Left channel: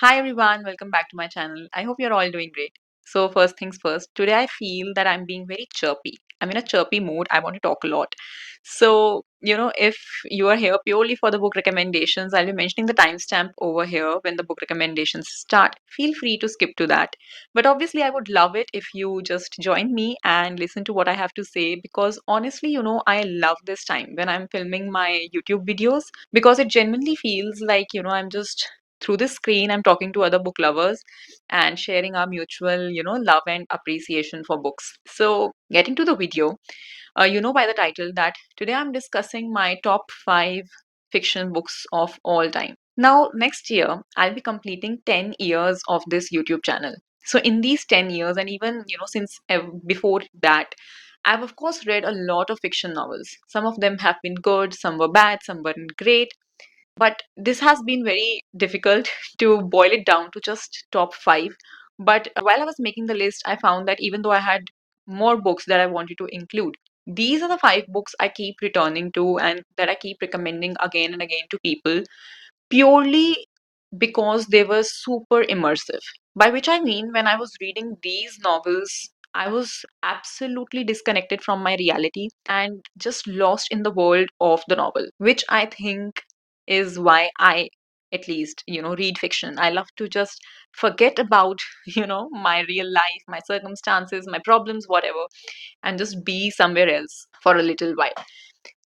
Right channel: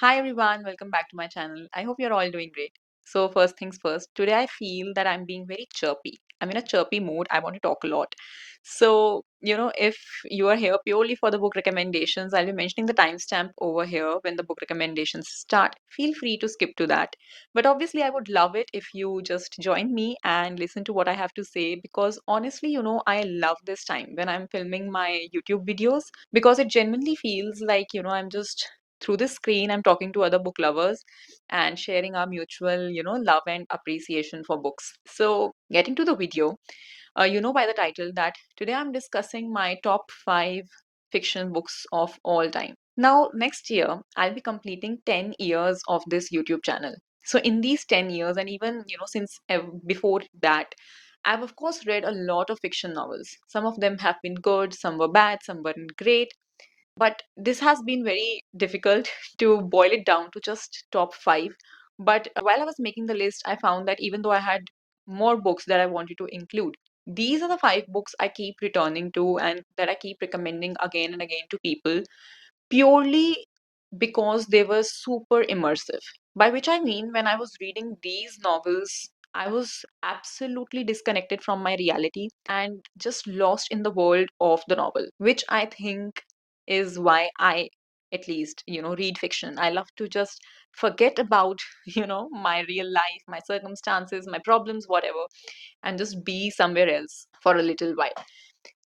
Hi everyone, welcome back to my channel. I hope you're all doing great. So, first things first, today I feel that I'm being very chirpy. I'm in a chirpy mood. I want to talk a lot. So, if you are here purely for the book recommendations, I'll be mentioning the timestamp over here when the book recommendations start. Feel free to skip to that. But obviously, I would love it if you just join me and listen to what I have to say because honestly, I love this time when I'm filming my YouTube videos because it genuinely feels like, I'm just through this screen, I'm talking to other book lovers and sharing our mutual, love and appreciation for books. So, getting to the video, by the title that today I'm discussing my top five fiction books of all time. Now, next year, I'll be completing 10 years of this YouTube channel. So, in these 10 years, and even, since before that, I've of course read a lot of fiction novels. Some of them have been good, some were bad, some weren't great, but this has been very difficult to boil it down to just top five. But while I was making the list, I found that even though I had more books that I wanted to include, these are the five books I keep returning to and that I keep recommending again and again to people purely because they were super immersive. By which I mean, when I was reading these novels, I was absolutely disconnected from my reality and just lost in the world of the novel, which I think is why I, at least, read fiction. I love to just forget about, my real life, my circumstances, my problems, whatever, and just be somewhere else for a little while.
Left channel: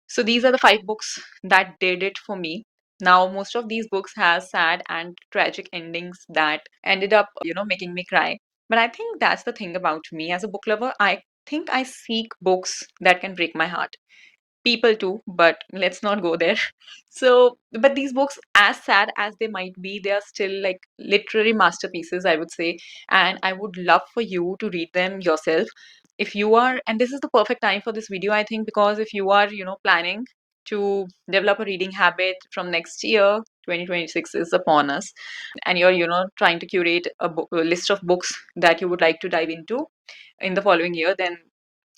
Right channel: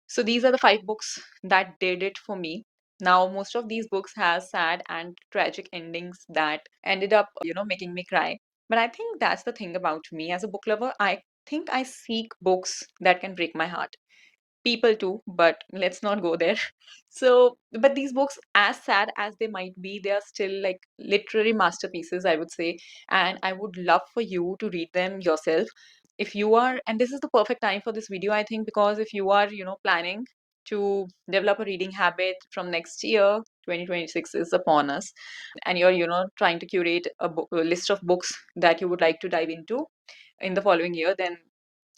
So these are the five books that did it for me. Now, most of these books have sad and tragic endings that ended up, making me cry. But I think that's the thing about me as a book lover. I think I seek books that can break my heart. People too, but let's not go there. So, but these books, as sad as they might be, they are still like literary masterpieces, I would say. And I would love for you to read them yourself. If you are, and this is the perfect time for this video, I think, because if you are, planning to develop a reading habit from next year, 2026 is upon us, and you're, trying to curate a list of books that you would like to dive into in the following year, then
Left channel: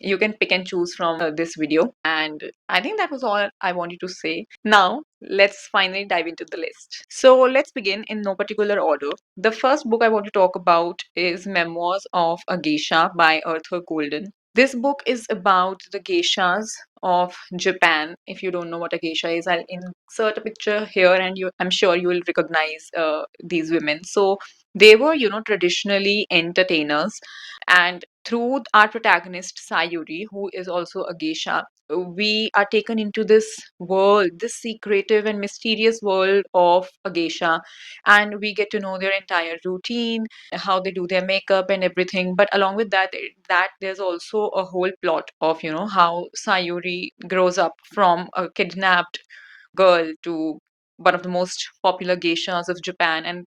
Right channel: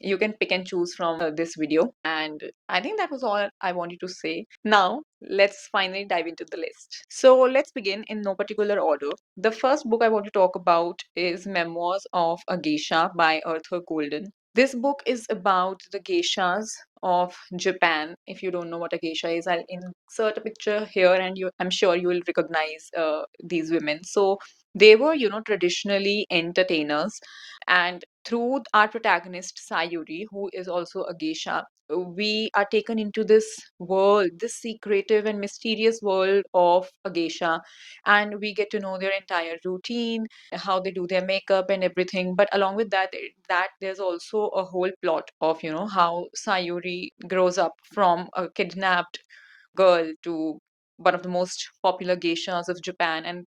you can pick and choose from this video. And I think that was all I wanted to say. Now, let's finally dive into the list. So, let's begin in no particular order. The first book I want to talk about is Memoirs of a Geisha by Arthur Golden. This book is about the geishas of Japan. If you don't know what a geisha is, I'll insert a picture here and I'm sure you will recognize these women. So, they were, traditionally entertainers, and through our protagonist Sayuri, who is also a geisha, we are taken into this world, this secretive and mysterious world of a geisha, and we get to know their entire routine, how they do their makeup and everything. But along with that, there's also a whole plot of how Sayuri grows up from a kidnapped girl to one of the most popular geishas of Japan. And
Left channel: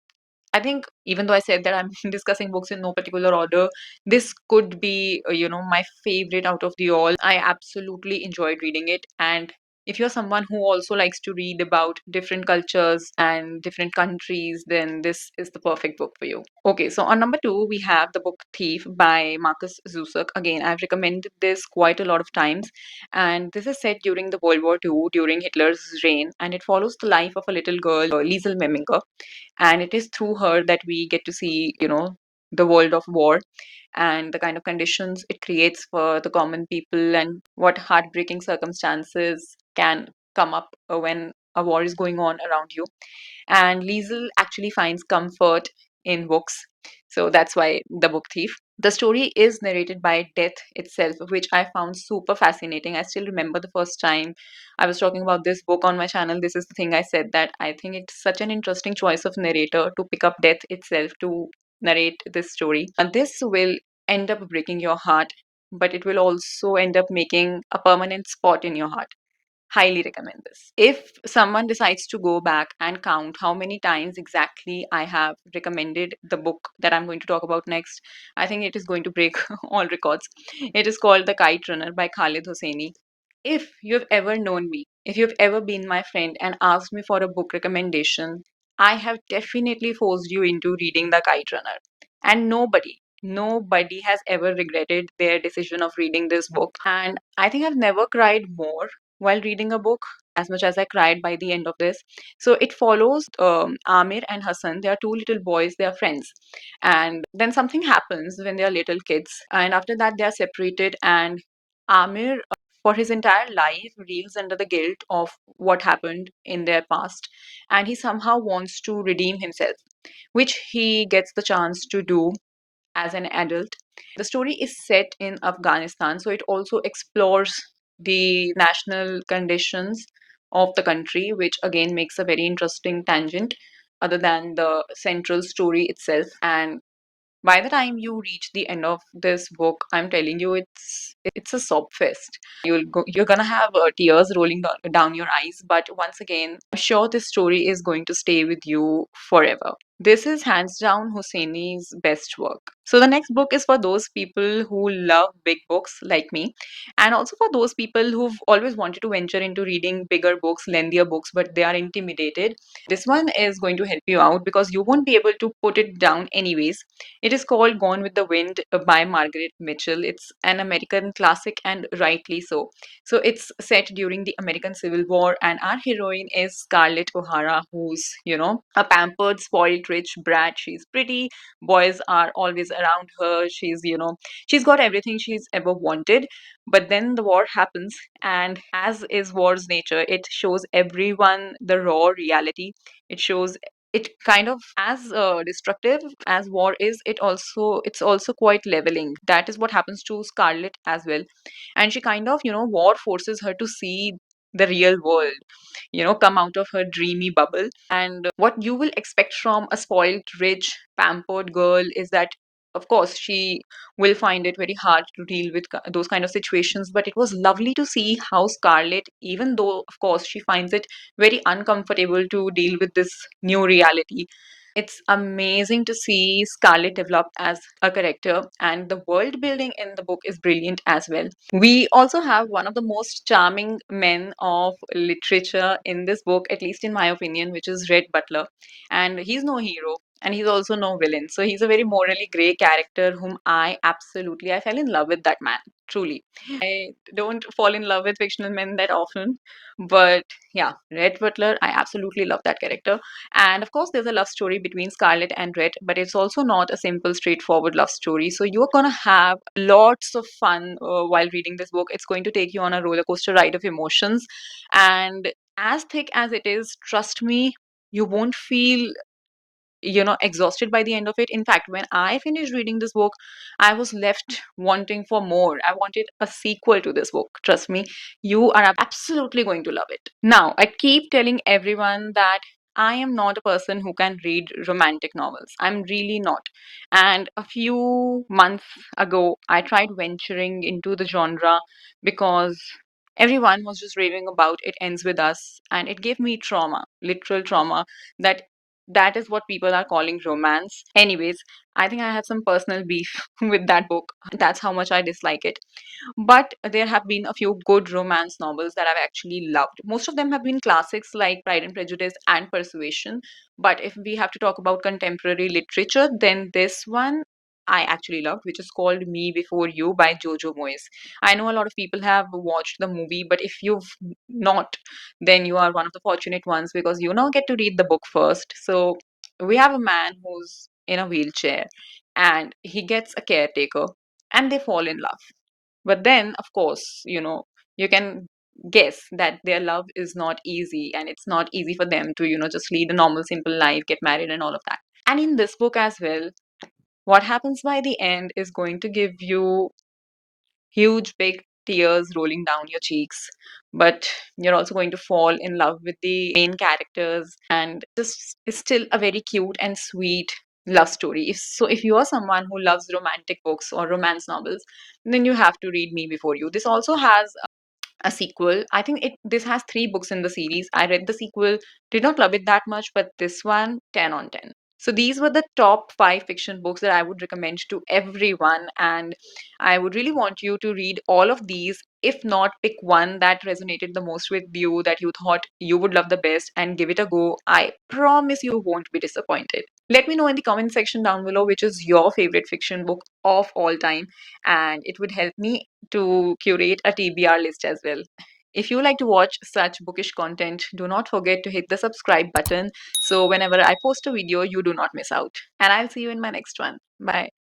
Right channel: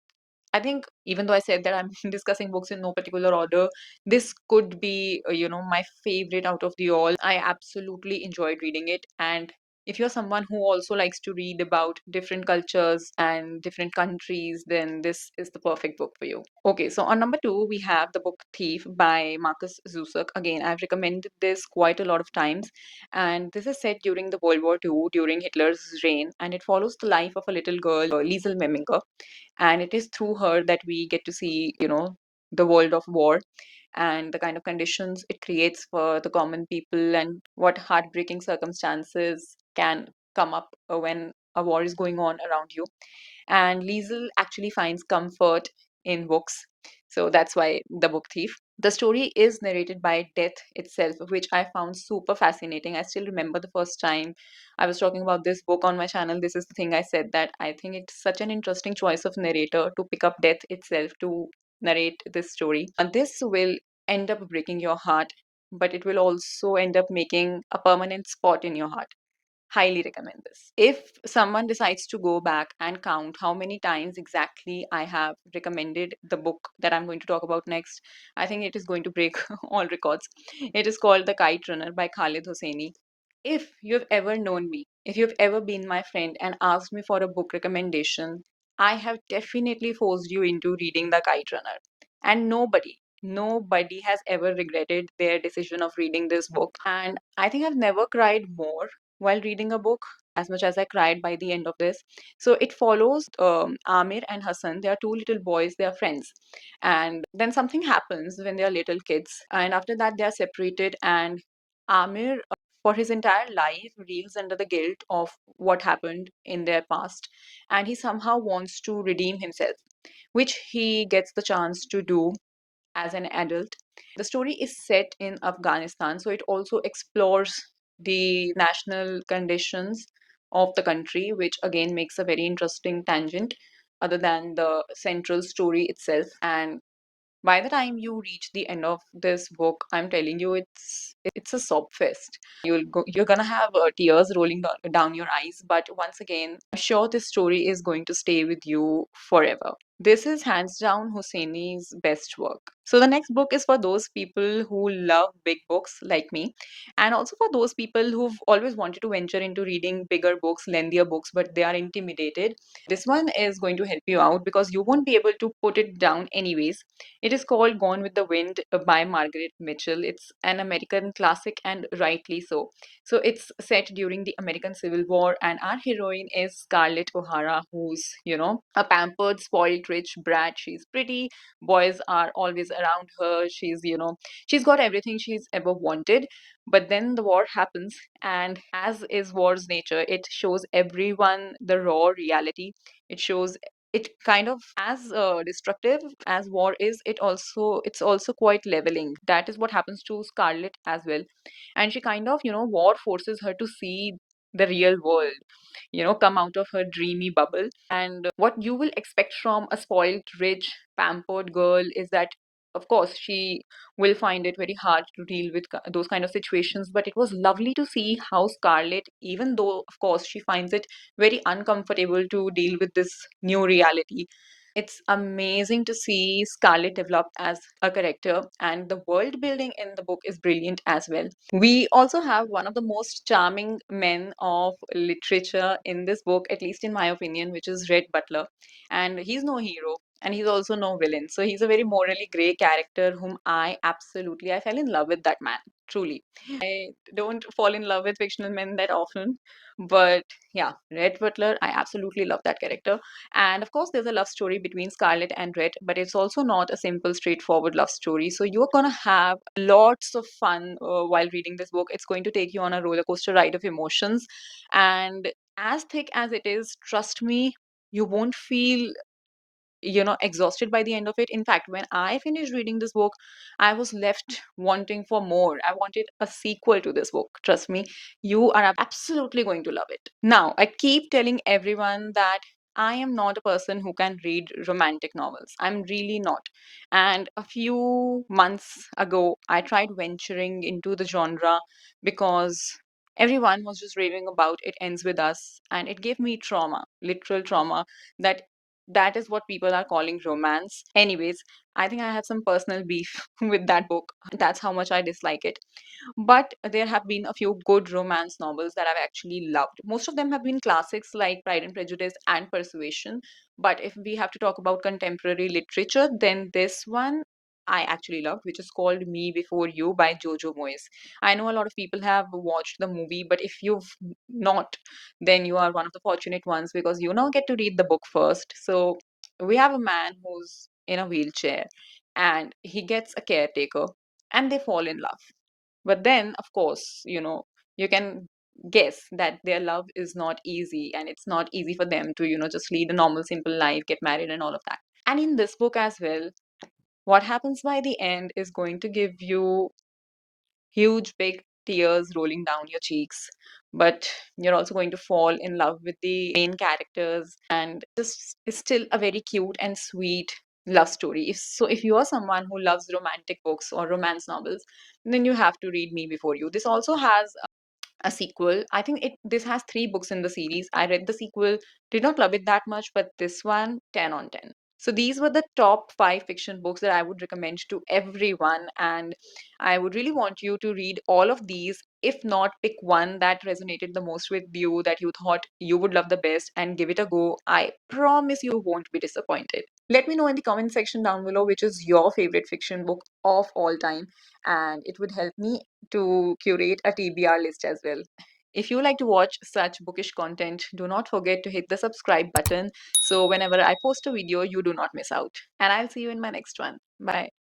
I think even though I said that I'm discussing books in no particular order, this could be, my favorite out of the all. I absolutely enjoyed reading it. And if you're someone who also likes to read about different cultures and different countries, then this is the perfect book for you. Okay, so on number two, we have the book Thief by Marcus Zusak. Again, I've recommended this quite a lot of times. And this is set during the World War II, during Hitler's reign. And it follows the life of a little girl, Liesel Memminger, and it is through her that we get to see the world of war and the kind of conditions it creates for the common people and what heartbreaking circumstances can come up when a war is going on around you. And Liesel actually finds comfort in books, so that's why the book Thief. The story is narrated by Death itself, which I found super fascinating. I still remember the first time I was talking about this book on my channel. This is the thing I said, that I think it's such an interesting choice of narrator to pick up Death itself to narrate this story. And this will end up breaking your heart, but it will also end up making a permanent spot in your heart. Highly recommend this. If someone decides to go back and count how many times exactly I have recommended the book that I'm going to talk about next, I think it is going to break all records. It is called The Kite Runner by Khalid Hosseini. If you've ever known me, if you've ever been my friend and asked me for a book recommendation, I have definitely forced you into reading The Kite Runner. And nobody has ever regretted their decision of reading this book. And I think I've never cried more while reading a book as much as I cried by the end of this. So it follows Amir and Hassan. They are two little boys, they are friends. And then something happens when they are little kids. And after that, they are separated. And Amir, for his entire life, reels under the guilt of what happened in their past. And he somehow wants to redeem himself, which he gets the chance to do as an adult. The story is set in Afghanistan, so it also explores the national conditions of the country, which again makes a very interesting tangent other than the central story itself. And by the time you reach the end of this book, I'm telling you, it's a sob fest. You're gonna have tears rolling down your eyes. But once again, I'm sure this story is going to stay with you forever. This is hands down Hosseini's best work. So the next book is for those people who love big books like me, and also for those people who've always wanted to venture into reading bigger books, lengthier books, but they are intimidated. This one is going to help you out because you won't be able to put it down anyways. It is called Gone with the Wind by Margaret Mitchell. It's an American classic and rightly so. So it's set during the American Civil War, and our heroine is Scarlett O'Hara, who's, a pampered, spoiled, rich brat. She's pretty. Boys are always around her. She's got everything she's ever wanted. But then the war happens, and as is war's nature, it shows everyone the raw reality. It shows it kind of as destructive as war is, it's also quite leveling. That is what happens to Scarlet as well. And she kind of, war forces her to see the real world, come out of her dreamy bubble. And what you will expect from a spoiled, rich, pampered girl is that, of course, she will find it very hard to deal with those kind of situations. But it was lovely to see how Scarlett, even though, of course, she finds it very uncomfortable to deal with this new reality, it's amazing to see Scarlett develop as a character, and the world building in the book is brilliant as well. We also have one of the most charming men of literature in this book, at least in my opinion, which is Red Butler. And he's no hero. And he's also no villain. So he's a very morally grey character whom I fell in love with that man, truly. I don't fall in love with fictional men that often. But yeah, Red Butler, I absolutely love that character. And of course, there's a love story between Scarlett and Red, but it's also not a simple, straightforward love story. So you're going to have lots of fun while reading this book. It's going to take you on a roller coaster ride of emotions. And as thick as it is, trust me, you won't feel exhausted by the end of it. In fact, when I finished reading this book, I was left wanting for more. I wanted a sequel to this book. Trust me, you are absolutely going to love it. Now, I keep telling everyone that I am not a person who can read romantic novels. I'm really not. And a few months ago, I tried venturing into the genre because everyone was just raving about It Ends With Us, and it gave me trauma, literal trauma, that that is what people are calling romance. Anyways, I think I have some personal beef with that book. That's how much I dislike it. But there have been a few good romance novels that I've actually loved. Most of them have been classics like Pride and Prejudice and Persuasion. But if we have to talk about contemporary literature, then this one I actually loved, which is called Me Before You by Jojo Moyes. I know a lot of people have watched the movie, but if you've not, then you are one of the fortunate ones because you now get to read the book first. So we have a man who's in a wheelchair and he gets a caretaker and they fall in love. But then, of course, you can guess that their love is not easy and it's not easy for them to, just lead a normal, simple life, get married, and all of that. And in this book as well, what happens by the end is going to give you huge, big tears rolling down your cheeks. But you're also going to fall in love with the main characters, and this is still a very cute and sweet love story. If you are someone who loves romantic books or romance novels, then you have to read Me Before You. This also has a sequel. I think this has three books in the series. I read the sequel, did not love it that much, but this one, 10 on 10. So these were the top five fiction books that I would recommend to everyone. And I would really want you to read all of these. If not, pick one that resonated the most with you, that you thought you would love the best, and give it a go. I promise you won't be disappointed. Let me know in the comment section down below which is your favorite fiction book of all time, and it would help me to curate a TBR list as well. If you like to watch such bookish content, do not forget to hit the subscribe button so whenever I post a video, you do not miss out. And I'll see you in my next one. Bye.